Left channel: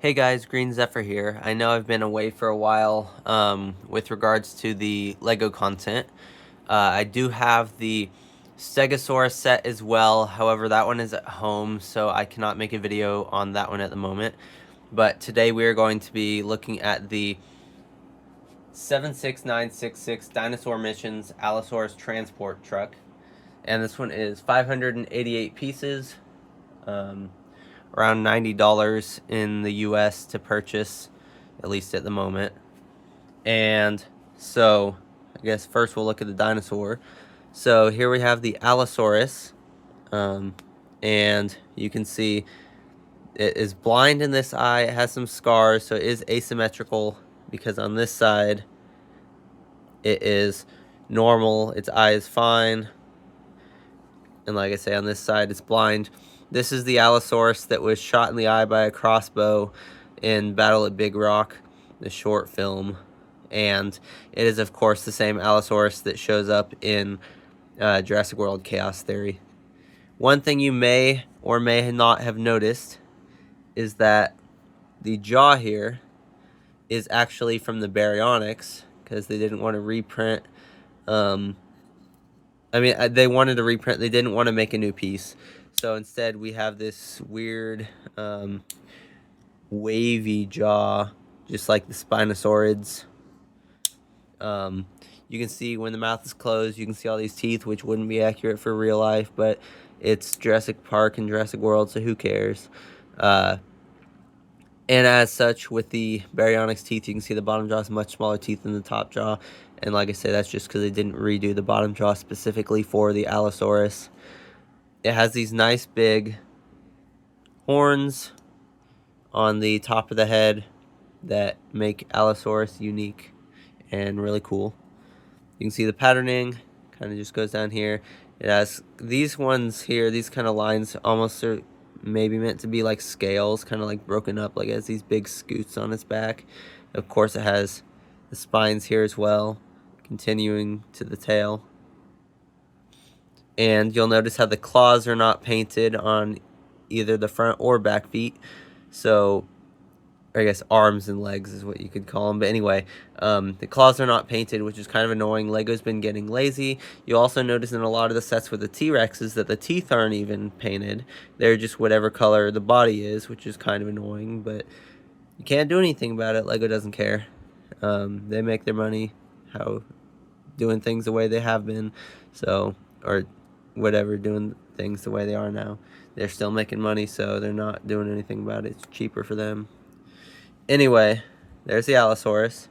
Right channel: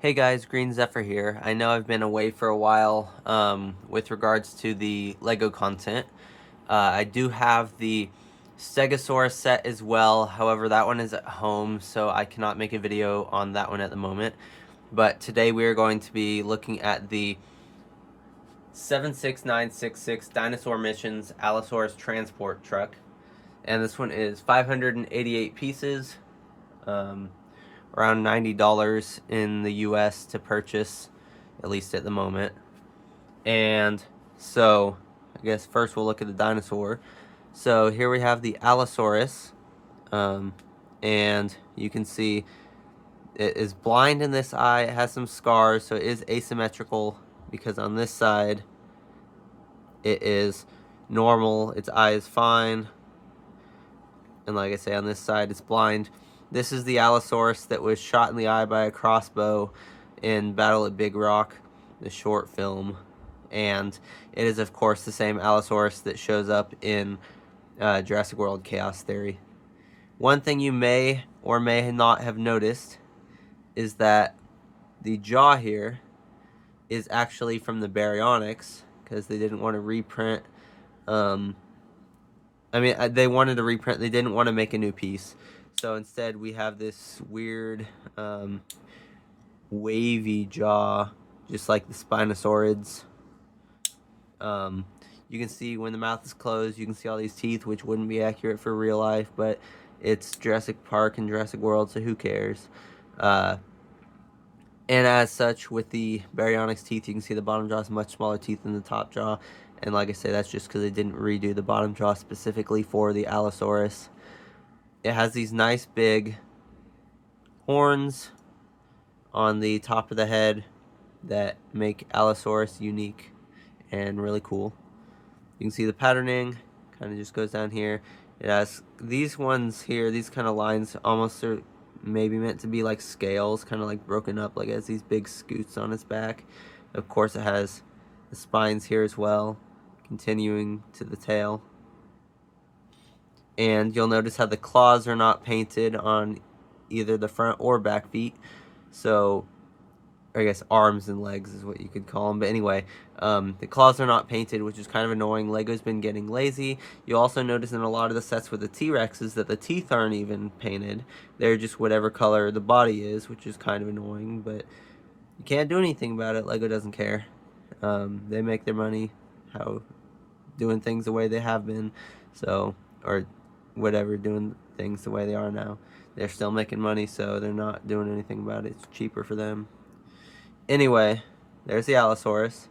Hey guys, Green Zephyr here. I know I've been away for a while with regards to the Lego content. I do have the Stegosaurus set as well. However, that one is at home, so I cannot make a video on that one at the moment. But today we are going to be looking at the 76966 Dinosaur Missions Allosaurus Transport Truck. And this one is 588 pieces. Around $90 in the US to purchase, at least at the moment. And so, I guess first we'll look at the dinosaur. So here we have the Allosaurus, and you can see it is blind in this eye. It has some scars, so it is asymmetrical because on this side it is normal. Its eye is fine, and like I say, on this side it's blind. This is the Allosaurus that was shot in the eye by a crossbow in Battle at Big Rock, the short film. And it is, of course, the same Allosaurus that shows up in Jurassic World Chaos Theory. One thing you may or may not have noticed is that the jaw here is actually from the baryonyx, because they didn't want to reprint. They wanted to reprint. They didn't want to make a new piece. So instead, we have this weird wavy jaw, just like the Spinosaurids. You can see when the mouth is closed, you can see all these teeth, which wouldn't be accurate for real life, but it's Jurassic Park and Jurassic World, so who cares? And as such, with the baryonyx teeth, you can see the bottom jaw is much smaller teeth than the top jaw. And like I say, that's just because they didn't redo the bottom jaw specifically for the Allosaurus. It has these nice big horns on the top of the head that make Allosaurus unique and really cool. You can see the patterning kind of just goes down here. It has these ones here, these kind of lines almost are maybe meant to be like scales, kind of like broken up, like it has these big scoots on its back. Of course, it has the spines here as well, continuing to the tail. And you'll notice how the claws are not painted on either the front or back feet. So, I guess arms and legs is what you could call them. But anyway, the claws are not painted, which is kind of annoying. Lego's been getting lazy. You'll also notice in a lot of the sets with the T-Rexes that the teeth aren't even painted. They're just whatever color the body is, which is kind of annoying. But you can't do anything about it. Lego doesn't care. They make their money doing things the way they have been. So, or whatever, doing things the way they are now. They're still making money, so they're not doing anything about it. It's cheaper for them. Anyway, there's the Allosaurus.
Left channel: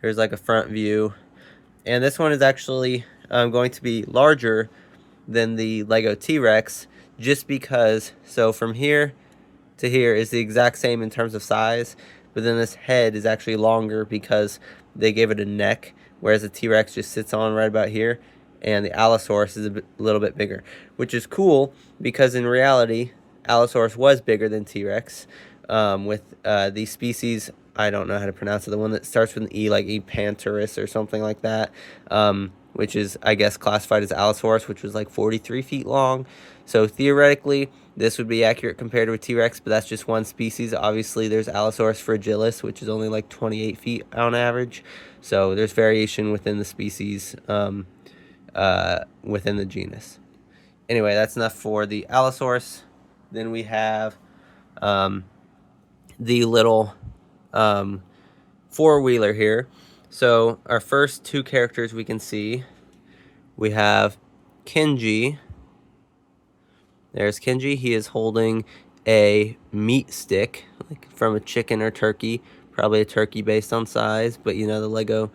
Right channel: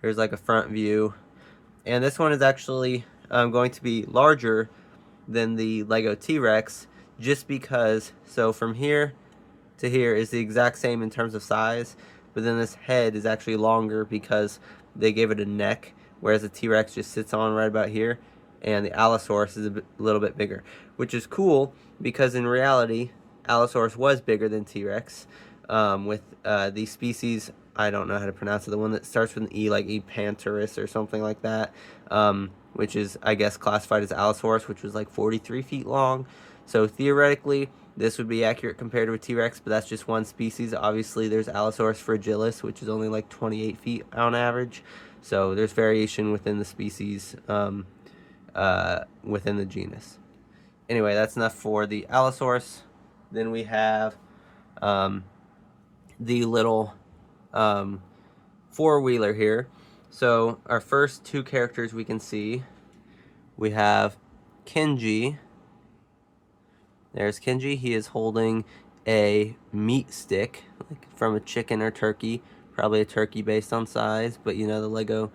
Here's like a front view. And this one is actually going to be larger than the Lego T-Rex just because, so from here to here is the exact same in terms of size, but then this head is actually longer because they gave it a neck, whereas the T-Rex just sits on right about here, and the Allosaurus is a little bit bigger, which is cool because in reality, Allosaurus was bigger than T-Rex. With the species, I don't know how to pronounce it, the one that starts with an E, like Epanterus or something like that, which is, I guess, classified as Allosaurus, which was like 43 feet long. So theoretically, this would be accurate compared to a T-Rex, but that's just one species. Obviously, there's Allosaurus fragilis, which is only like 28 feet on average. So there's variation within the species, within the genus. Anyway, that's enough for the Allosaurus. Then we have the little four-wheeler here. So our first two characters we can see, we have Kenji. There's Kenji. He is holding a meat stick, like from a chicken or turkey, probably a turkey based on size, but you know the Lego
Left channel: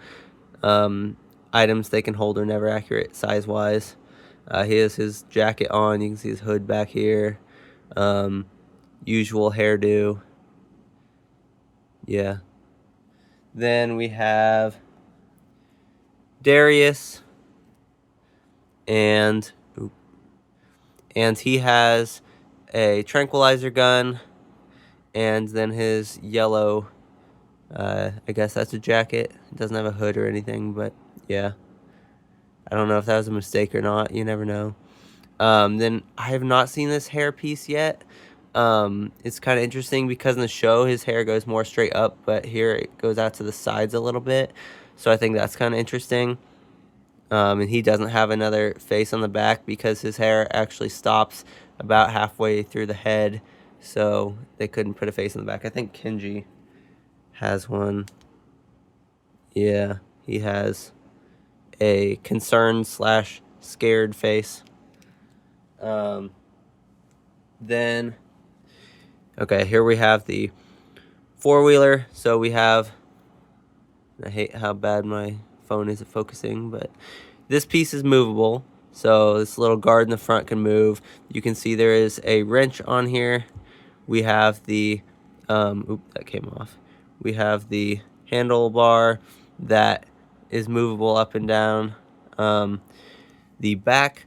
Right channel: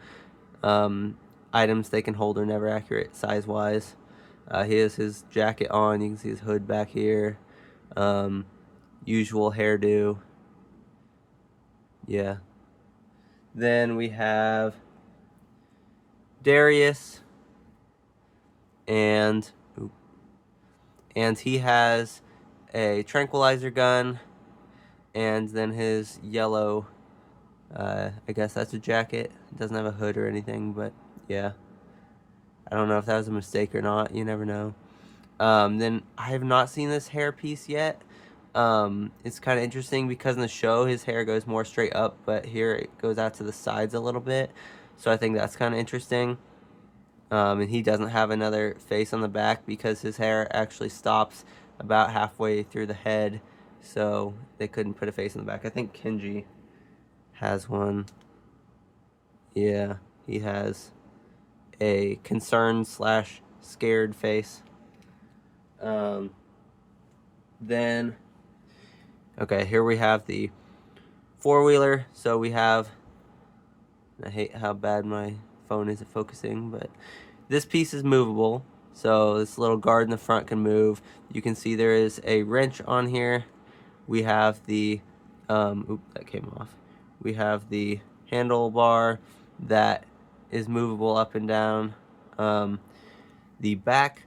items they can hold are never accurate size-wise. He has his jacket on. You can see his hood back here. Usual hairdo. Yeah. Then we have Darius, and he has a tranquilizer gun, and then his yellow, I guess that's a jacket. It doesn't have a hood or anything, but yeah. I don't know if that was a mistake or not. You never know. Then I have not seen this hair piece yet, It's kind of interesting because in the show his hair goes more straight up, but here it goes out to the sides a little bit. So I think that's kind of interesting. And he doesn't have another face on the back because his hair actually stops about halfway through the head. So they couldn't put a face on the back. I think Kenji has one. Yeah, he has a concerned slash scared face. Um, then, okay, here we have the four-wheeler. So we have, I hate how bad my phone is at focusing, but this piece is movable. So this little guard in the front can move. You can see there is a wrench on here. We have the, that came off. We have the handlebar that is movable up and down. The back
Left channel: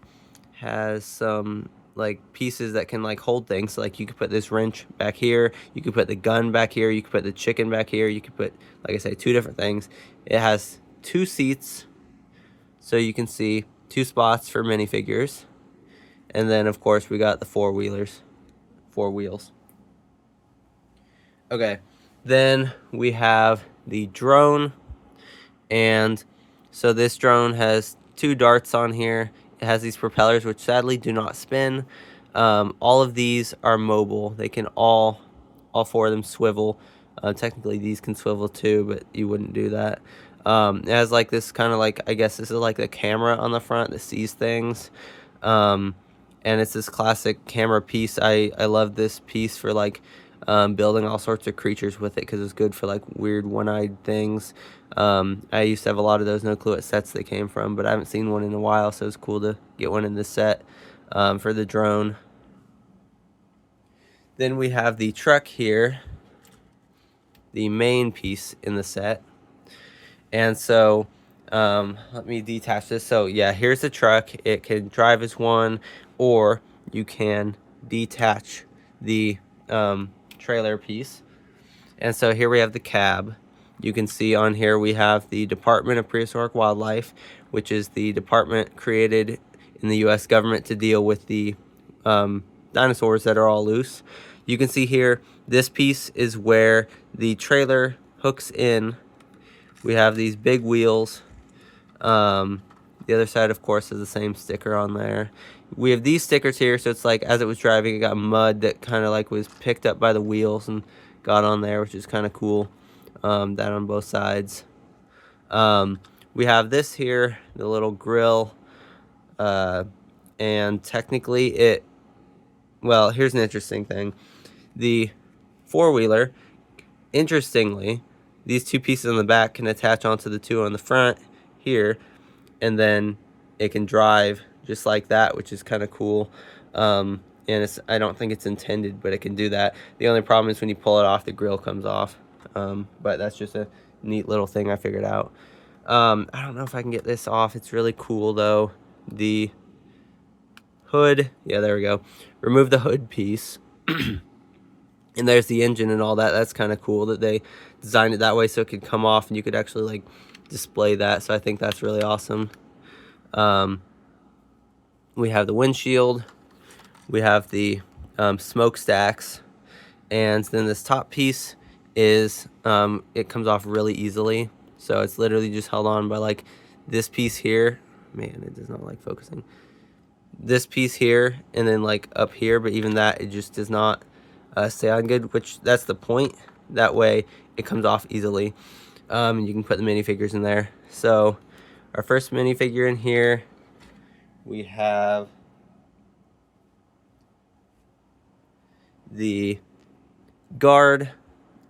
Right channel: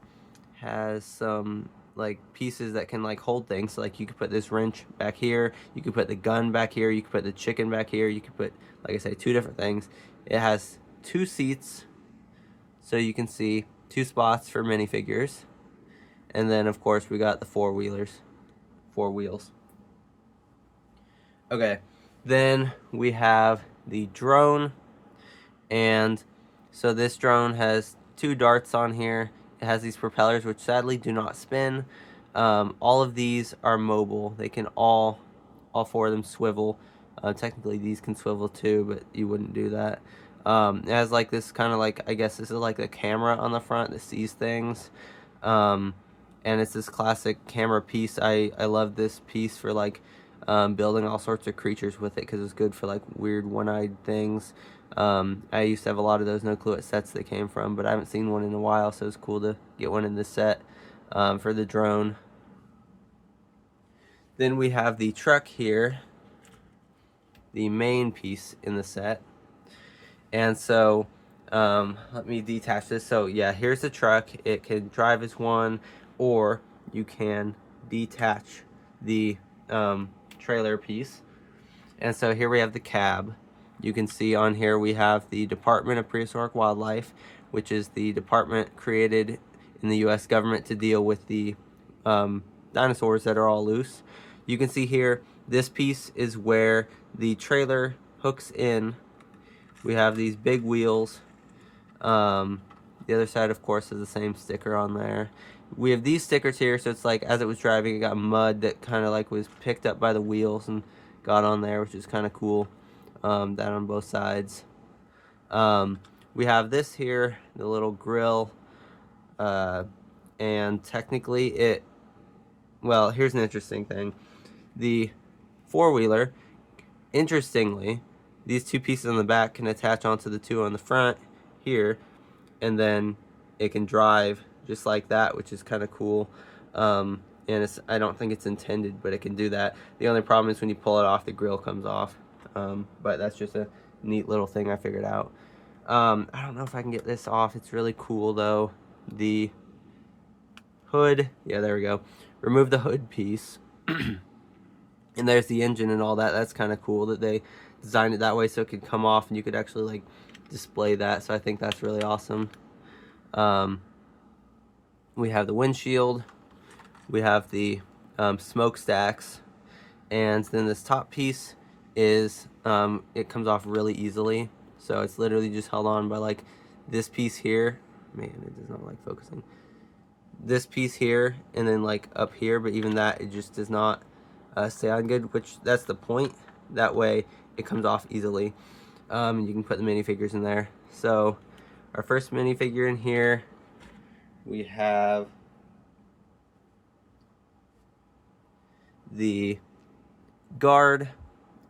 has some like pieces that can like hold things. So, like you could put this wrench back here, you could put the gun back here, you could put the chicken back here, you could put, like I say, two different things. It has two seats, so you can see two spots for minifigures. And then of course we got the four wheels. Okay, then we have the drone, and so this drone has two darts on here. It has these propellers which sadly do not spin. All of these are mobile. They can all four of them swivel. Technically these can swivel too, but you wouldn't do that. It has like this kind of like, I guess this is like the camera on the front that sees things. And it's this classic camera piece. I love this piece for like building all sorts of creatures with it because it's good for like weird one-eyed things. I used to have a lot of those, no clue what sets they came from, but I haven't seen one in a while, so it's cool to get one in this set for the drone. Then we have the truck here, the main piece in the set. And so let me detach this. So yeah, here's the truck. It can drive as one, or you can detach the trailer piece. And so here we have the cab. You can see on here we have the Department of Prehistoric Wildlife, which is the department created in the U.S. government to deal with the dinosaurs that are all loose. You can see here, this piece is where the trailer hooks in. We have these big wheels. The other side, of course, has the same sticker on there. We have these stickers here, so it's like as it was driving, it got mud that kind of like was picked up by the wheels and got on there, which is kind of cool. That on both sides. We have this here, the little grill, and technically well, here's an interesting thing. The four-wheeler, interestingly, these two pieces on the back can attach onto the two on the front here, and then it can drive just like that, which is kind of cool. And I don't think it's intended, but it can do that. The only problem is when you pull it off, the grill comes off. But that's just a neat little thing I figured out. I don't know if I can get this off. It's really cool though. The hood, yeah, there we go. Remove the hood piece. And there's the engine and all that. That's kind of cool that they designed it that way so it could come off and you could actually like display that. So I think that's really awesome. We have the windshield. We have the smokestacks. And then this top piece is, it comes off really easily. So it's literally just held on by like this piece here. Man, it does not like focusing. This piece here and then like up here, but even that, it just does not stay on good, which that's the point. That way it comes off easily. And you can put the minifigures in there. So our first minifigure in here, we have the guard.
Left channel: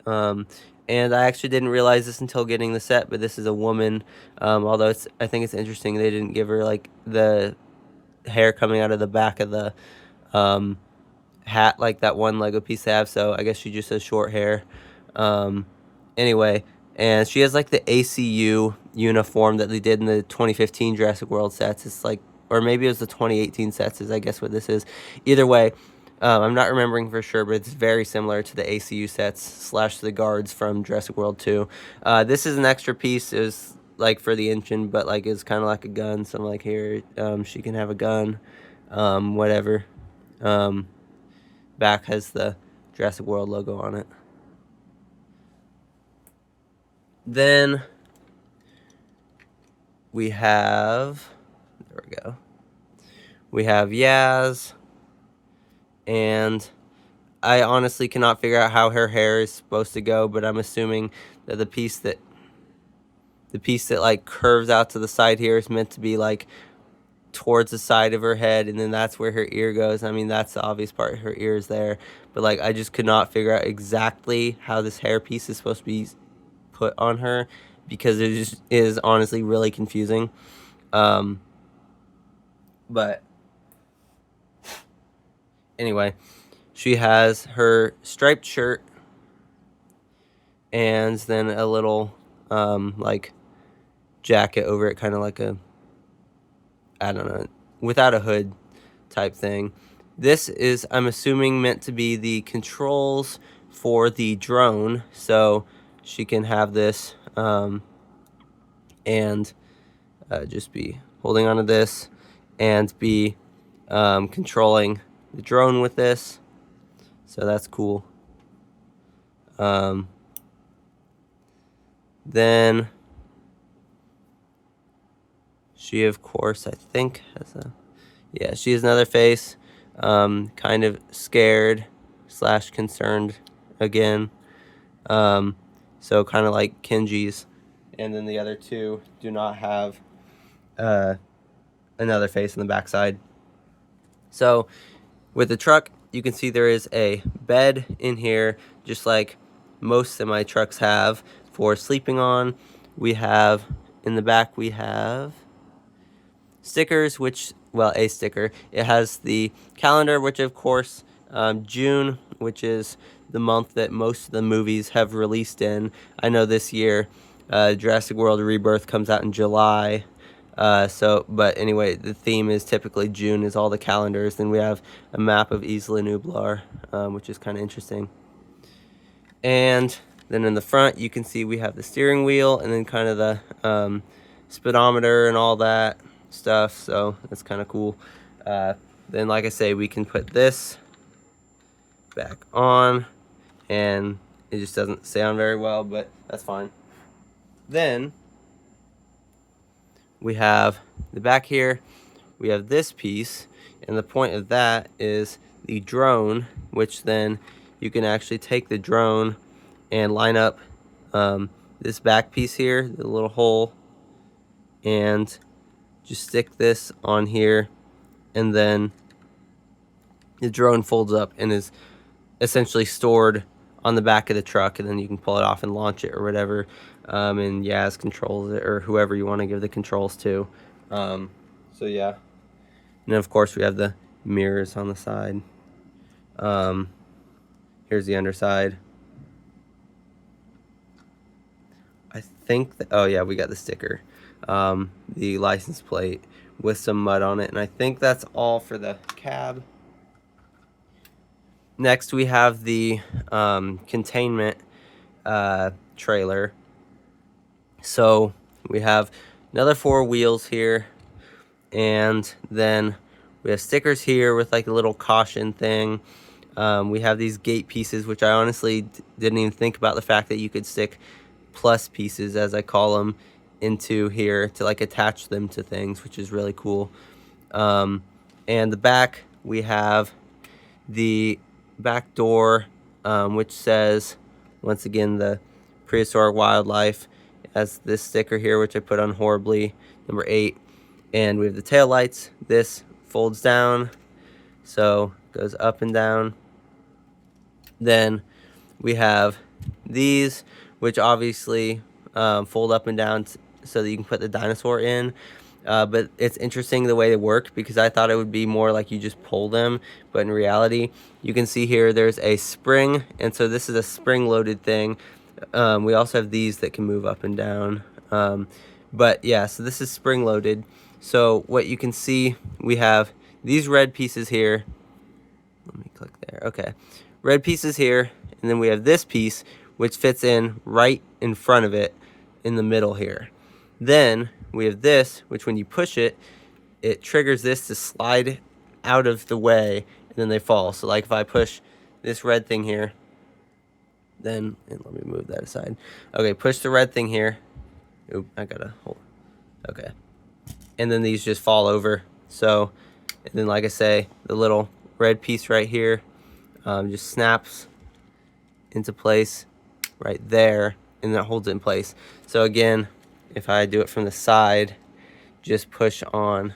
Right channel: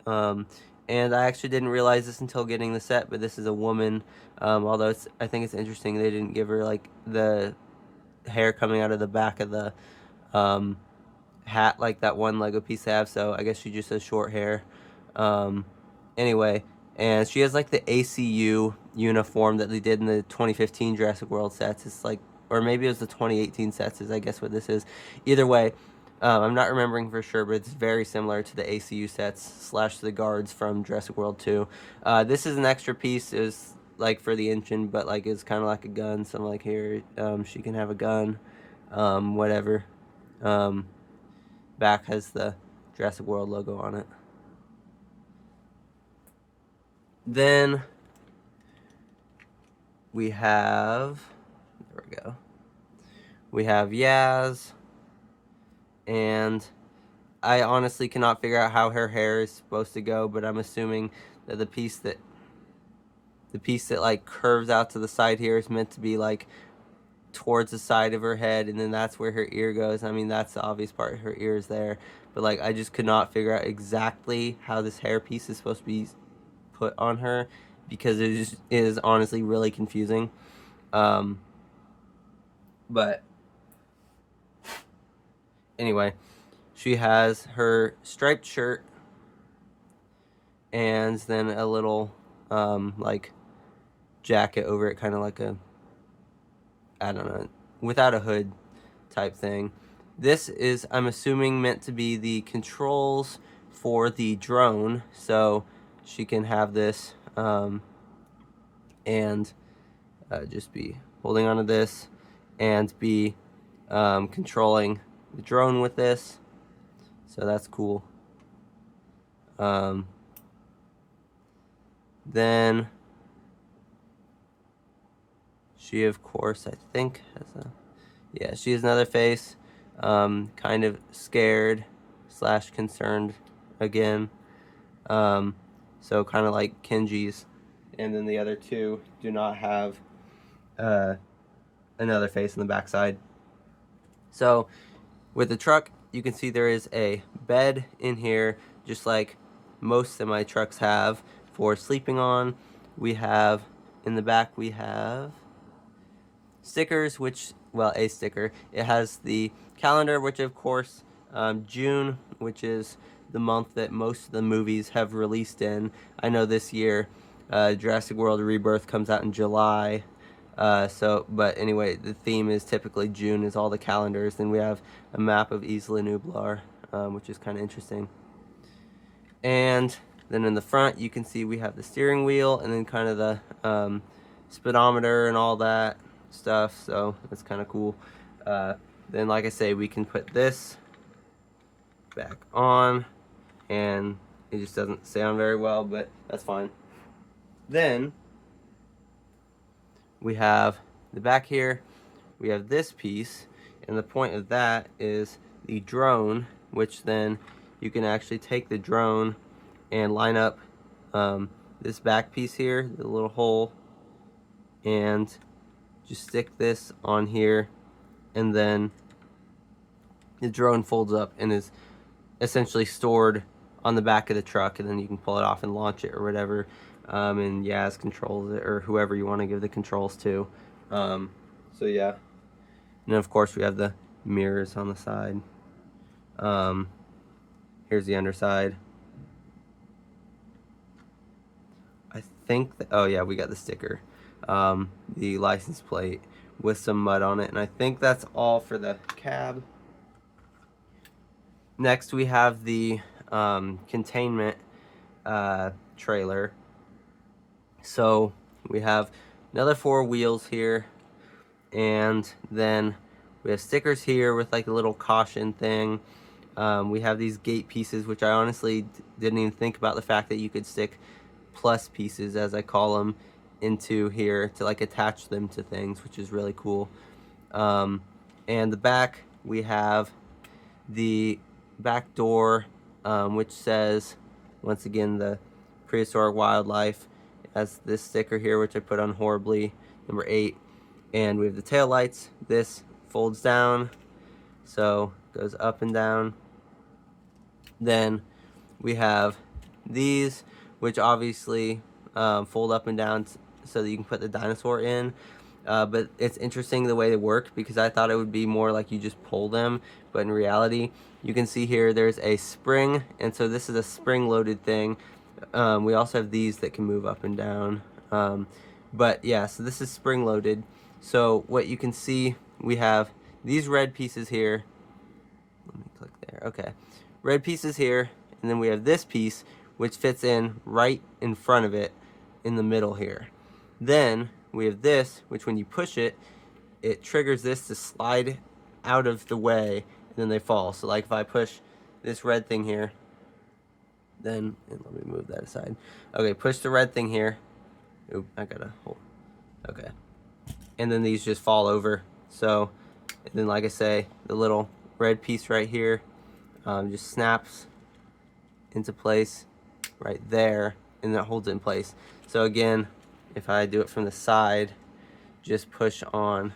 And I actually didn't realize this until getting the set, but this is a woman. Although I think it's interesting they didn't give her like the hair coming out of the back of the hat like that one Lego piece they have, so I guess she just has short hair. Anyway, and she has like the ACU uniform that they did in the 2015 Jurassic World sets. It's like, or maybe it was the 2018 sets is I guess what this is. Either way, I'm not remembering for sure, but it's very similar to the ACU sets slash the guards from Jurassic World 2. This is an extra piece. It was like for the engine, but like it's kind of like a gun. So I'm like, here, she can have a gun, whatever. Back has the Jurassic World logo on it. Then we have, there we go. We have Yaz, and I honestly cannot figure out how her hair is supposed to go, but I'm assuming that the piece that like curves out to the side here is meant to be like towards the side of her head, and then that's where her ear goes. I mean, that's the obvious part, her ear is there, but like I just could not figure out exactly how this hair piece is supposed to be put on her, because it just is honestly really confusing. But anyway, she has her striped shirt and then a little like jacket over it, kind of like a, I don't know, without a hood type thing. This is, I'm assuming, meant to be the controls for the drone, so she can have this and just be holding onto this and be controlling the drone with this. So that's cool. Then she, of course, I think has a, yeah, she has another face, kind of scared / concerned again. So kind of like Kenji's, and then the other two do not have another face in the backside. So with the truck, you can see there is a bed in here, just like most semi trucks have for sleeping on. We have in the back, we have stickers, which, well, a sticker. It has the calendar, which of course June, which is the month that most of the movies have released in. I know this year Jurassic World Rebirth comes out in July. But anyway, the theme is typically June is all the calendars. Then we have a map of Isla Nublar, which is kind of interesting. And then in the front, you can see we have the steering wheel and then kind of the speedometer and all that stuff. So that's kind of cool. Then, like I say, we can put this back on, and it just doesn't sound very well, but that's fine. Then we have the back here, we have this piece, and the point of that is the drone, which then you can actually take the drone and line up this back piece here, the little hole, and just stick this on here, and then the drone folds up and is essentially stored on the back of the truck, and then you can pull it off and launch it or whatever. And Yaz controls it, or whoever you want to give the controls to. So yeah. And then of course we have the mirrors on the side. Here's the underside. I think that, oh yeah, we got the sticker, the license plate with some mud on it, and I think that's all for the cab. Next we have the containment trailer. So we have another 4 wheels here, and then we have stickers here with like a little caution thing. We have these gate pieces, which I honestly didn't even think about the fact that you could stick plus pieces, as I call them, into here to like attach them to things, which is really cool. And the back, we have the back door, which says, once again, the prehistoric wildlife. It has this sticker here, which I put on horribly, number 8. And we have the tail lights. This folds down, so it goes up and down. Then we have these, which obviously fold up and down so that you can put the dinosaur in. But it's interesting the way they work, because I thought it would be more like you just pull them, but in reality, you can see here there's a spring, and so this is a spring-loaded thing. We also have these that can move up and down. But yeah, so this is spring-loaded. So what you can see, we have these red pieces here. Let me click there. Okay. Red pieces here, and then we have this piece, which fits in right in front of it in the middle here. Then we have this, which when you push it, it triggers this to slide out of the way, and then they fall. So like if I push this red thing here, then, and let me move that aside. Okay, push the red thing here. Oop, I gotta hold. Okay. And then these just fall over. So, and then like I say, the little red piece right here just snaps into place right there, and that holds it in place. So again, if I do it from the side, just push on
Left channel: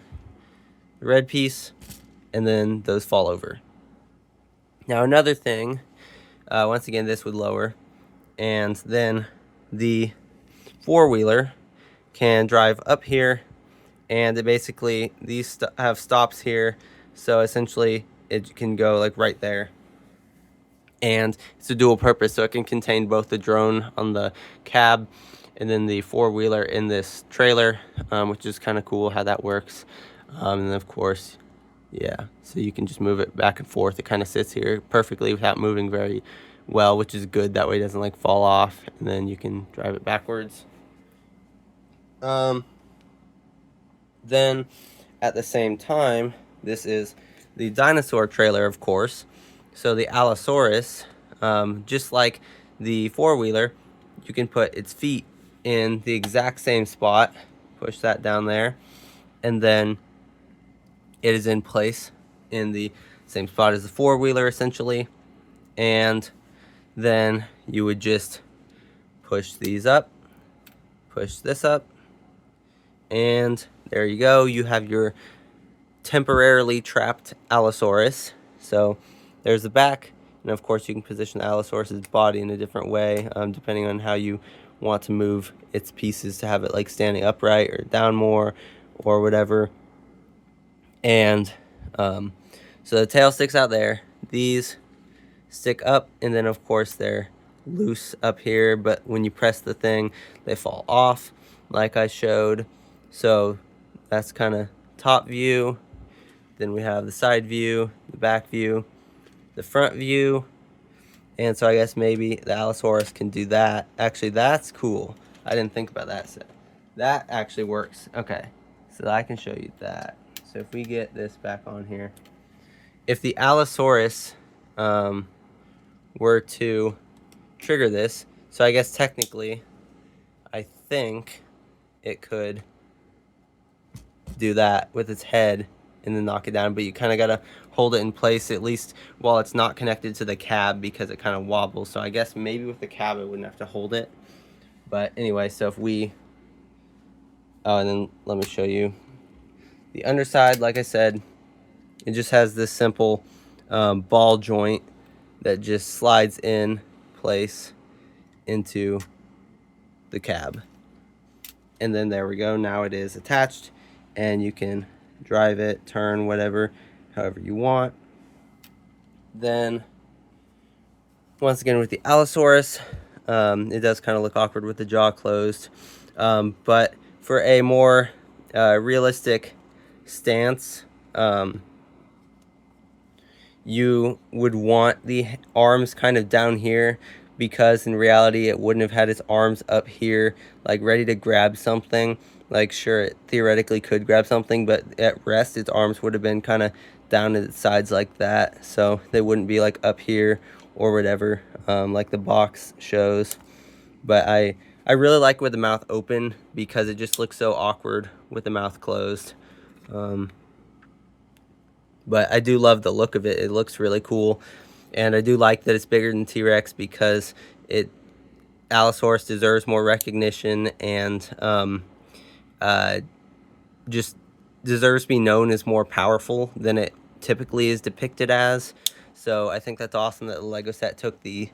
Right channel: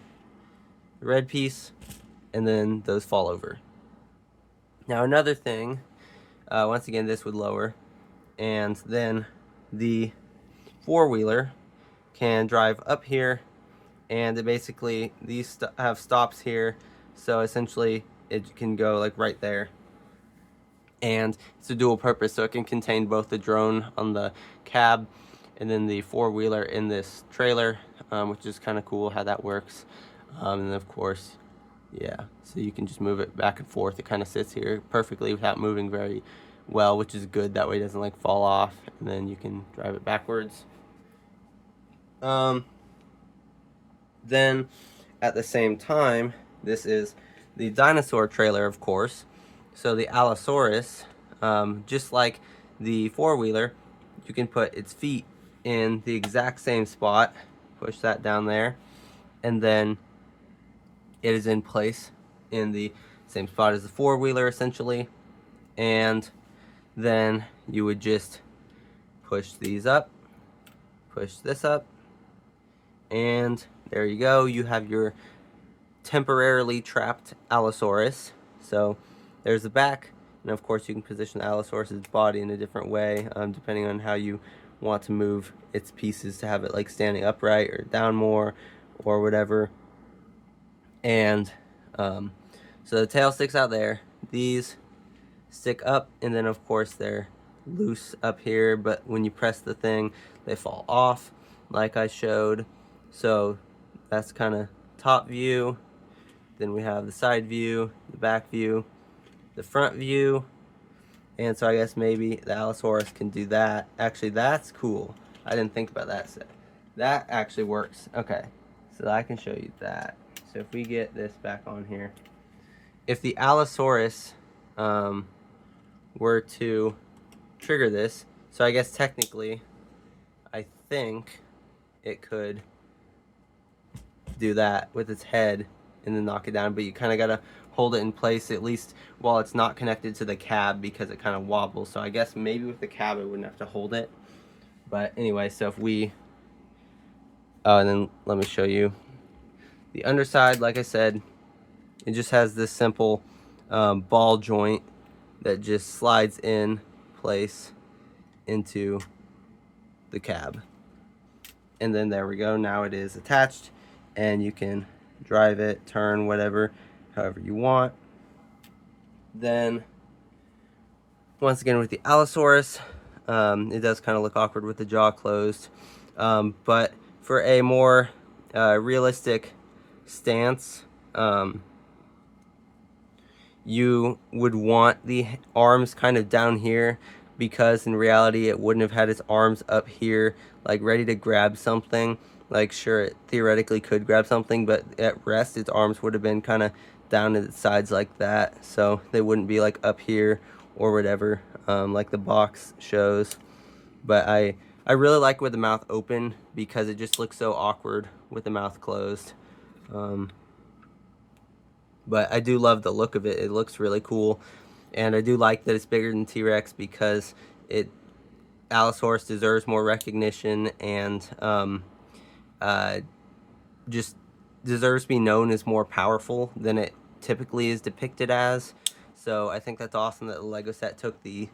the red piece, and then those fall over. Now another thing, once again, this would lower, and then the four-wheeler can drive up here, and it basically, these have stops here, so essentially it can go like right there. And it's a dual purpose, so it can contain both the drone on the cab and then the four-wheeler in this trailer, which is kind of cool how that works. And then of course, yeah, so you can just move it back and forth. It kind of sits here perfectly without moving very well, which is good. That way it doesn't like fall off, and then you can drive it backwards. Then at the same time, this is the Dinosaur trailer, of course. So the Allosaurus, just like the four-wheeler, you can put its feet in the exact same spot, push that down there, and then it is in place in the same spot as the four-wheeler essentially. And then you would just push these up, push this up, and there you go. You have your temporarily trapped Allosaurus. So there's the back, and of course you can position the Allosaurus's body in a different way, depending on how you want to move its pieces to have it like standing upright or down more or whatever. And so the tail sticks out there, these stick up, and then of course they're loose up here, but when you press the thing they fall off like I showed. So that's kind of top view. Then we have the side view, the back view, the front view, and so I guess maybe the Allosaurus can do that. Actually, that's cool. I didn't think about that. So that actually works. Okay, so I can show you that. So if we get this back on here, if the Allosaurus were to trigger this, so I guess technically, I think it could do that with its head and then knock it down, but you kind of gotta hold it in place at least while it's not connected to the cab, because it kind of wobbles. So I guess maybe with the cab it wouldn't have to hold it. But anyway, so if we and then let me show you the underside. Like I said, it just has this simple ball joint that just slides in place into the cab, and then there we go. Now it is attached, and you can drive it, turn, whatever, however you want. Then once again with the Allosaurus, it does kind of look awkward with the jaw closed, but for a more realistic stance, you would want the arms kind of down here, because in reality it wouldn't have had its arms up here like ready to grab something. Like sure, it theoretically could grab something, but at rest its arms would have been kind of down to the sides like that, so they wouldn't be like up here or whatever, like the box shows. But I really like with the mouth open, because it just looks so awkward with the mouth closed. But I do love the look of it. It looks really cool, and I do like that it's bigger than T-Rex, because Allosaurus deserves more recognition, and just deserves to be known as more powerful than it typically is depicted as. So I think that's awesome that the Lego set took the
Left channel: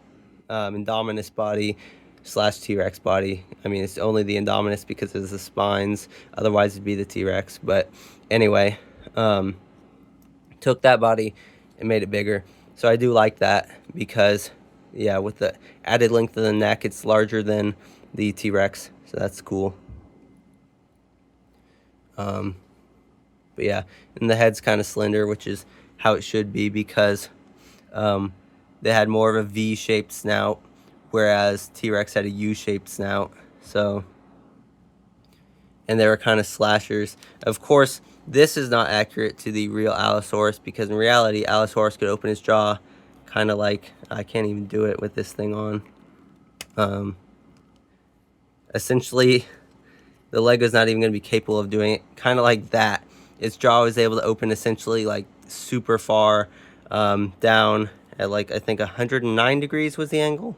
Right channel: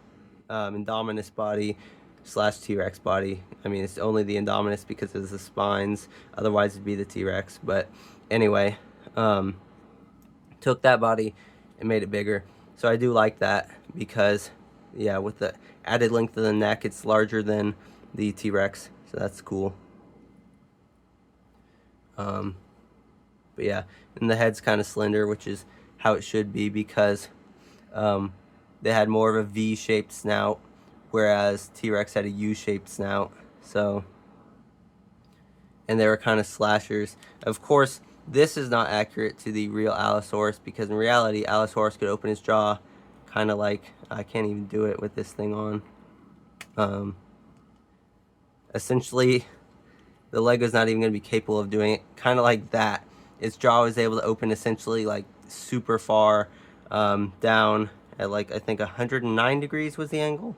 Indominus body / T-Rex body. I mean, it's only the Indominus because of the spines, otherwise it'd be the T-Rex. But anyway, took that body and made it bigger. So I do like that, because yeah, with the added length of the neck, it's larger than the T-Rex, so that's cool. But yeah, and the head's kind of slender, which is how it should be, because they had more of a V-shaped snout, whereas T-Rex had a U-shaped snout. So, and they were kind of slashers. Of course, This is not accurate to the real Allosaurus, because in reality, Allosaurus could open his jaw kind of like, I can't even do it with this thing on. Essentially, the Lego's not even going to be capable of doing it. Kind of like that. Its jaw was able to open essentially like super far down at like, I think 109 degrees was the angle.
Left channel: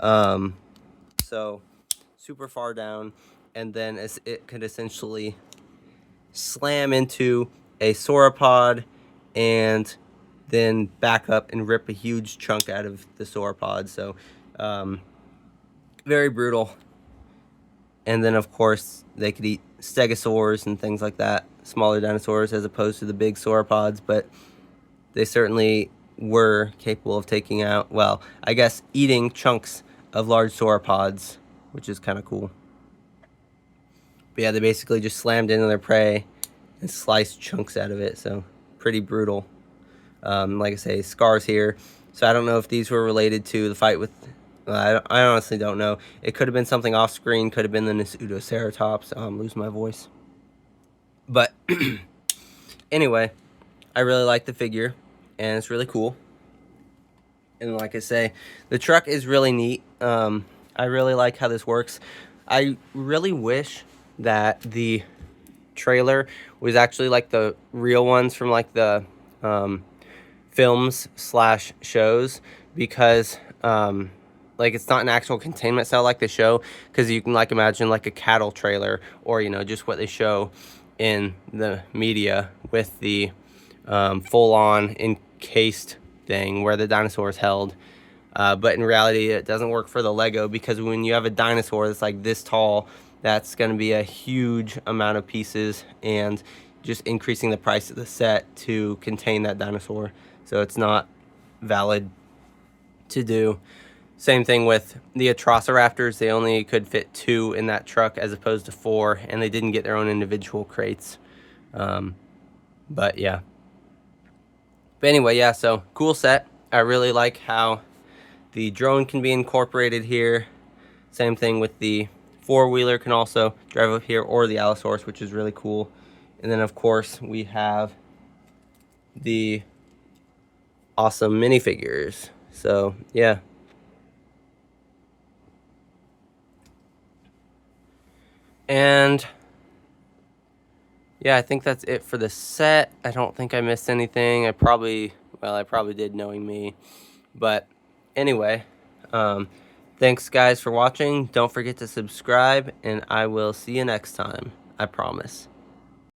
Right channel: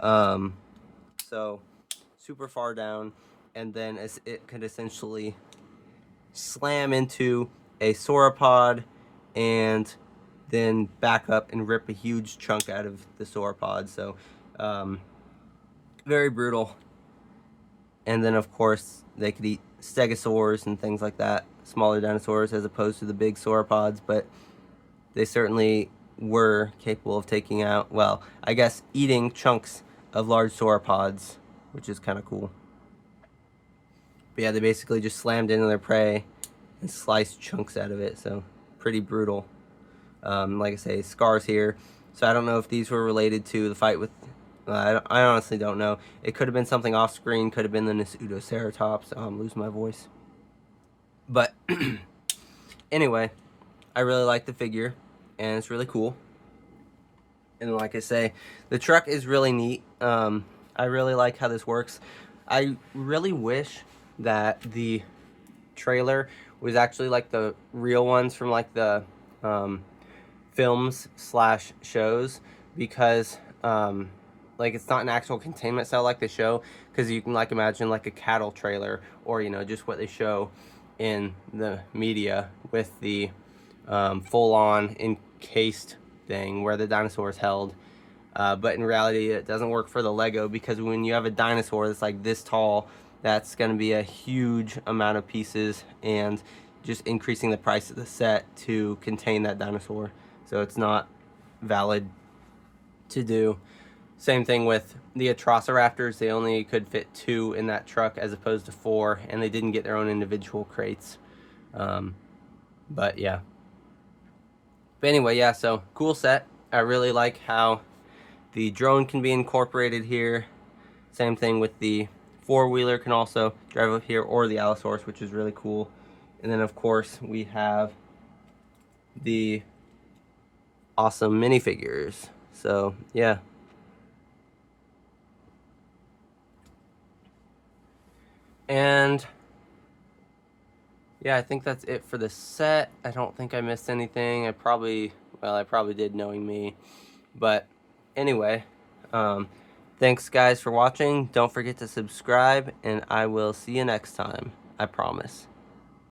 So super far down, and then it could essentially slam into a sauropod and then back up and rip a huge chunk out of the sauropod. So very brutal. And then of course they could eat stegosaurs and things like that, smaller dinosaurs, as opposed to the big sauropods, but they certainly were capable of taking out, well, I guess eating chunks of large sauropods, which is kind of cool. But yeah, they basically just slammed into their prey and sliced chunks out of it, so pretty brutal. Like I say, scars here. So I don't know if these were related to the fight with, I honestly don't know. It could have been something off screen, could have been the Pseudoceratops. Losing my voice. But anyway, I really like the figure, and it's really cool. And like I say, the truck is really neat. I really like how this works. I really wish that the trailer was actually like the real ones from like the films / shows, because like it's not an actual containment cell like the show, because you can like imagine like a cattle trailer, or you know, just what they show in the media with the full-on encased thing where the dinosaur is held. But in reality, it doesn't work for the Lego, because when you have a dinosaur that's like this tall, that's going to be a huge amount of pieces, and just increasing the price of the set to contain that dinosaur. So it's not valid to do. Same thing with the Atrociraptors. They only could fit 2 in that truck as opposed to 4, and they didn't get their own individual crates. But yeah. But anyway, yeah, so cool set. I really like how the drone can be incorporated here. Same thing with the 4-wheeler can also drive up here, or the Allosaurus, which is really cool. And then of course we have the awesome minifigures. So yeah. And yeah, I think that's it for the set. I don't think I missed anything. I probably did, knowing me. But anyway, thanks guys for watching. Don't forget to subscribe, and I will see you next time. I promise.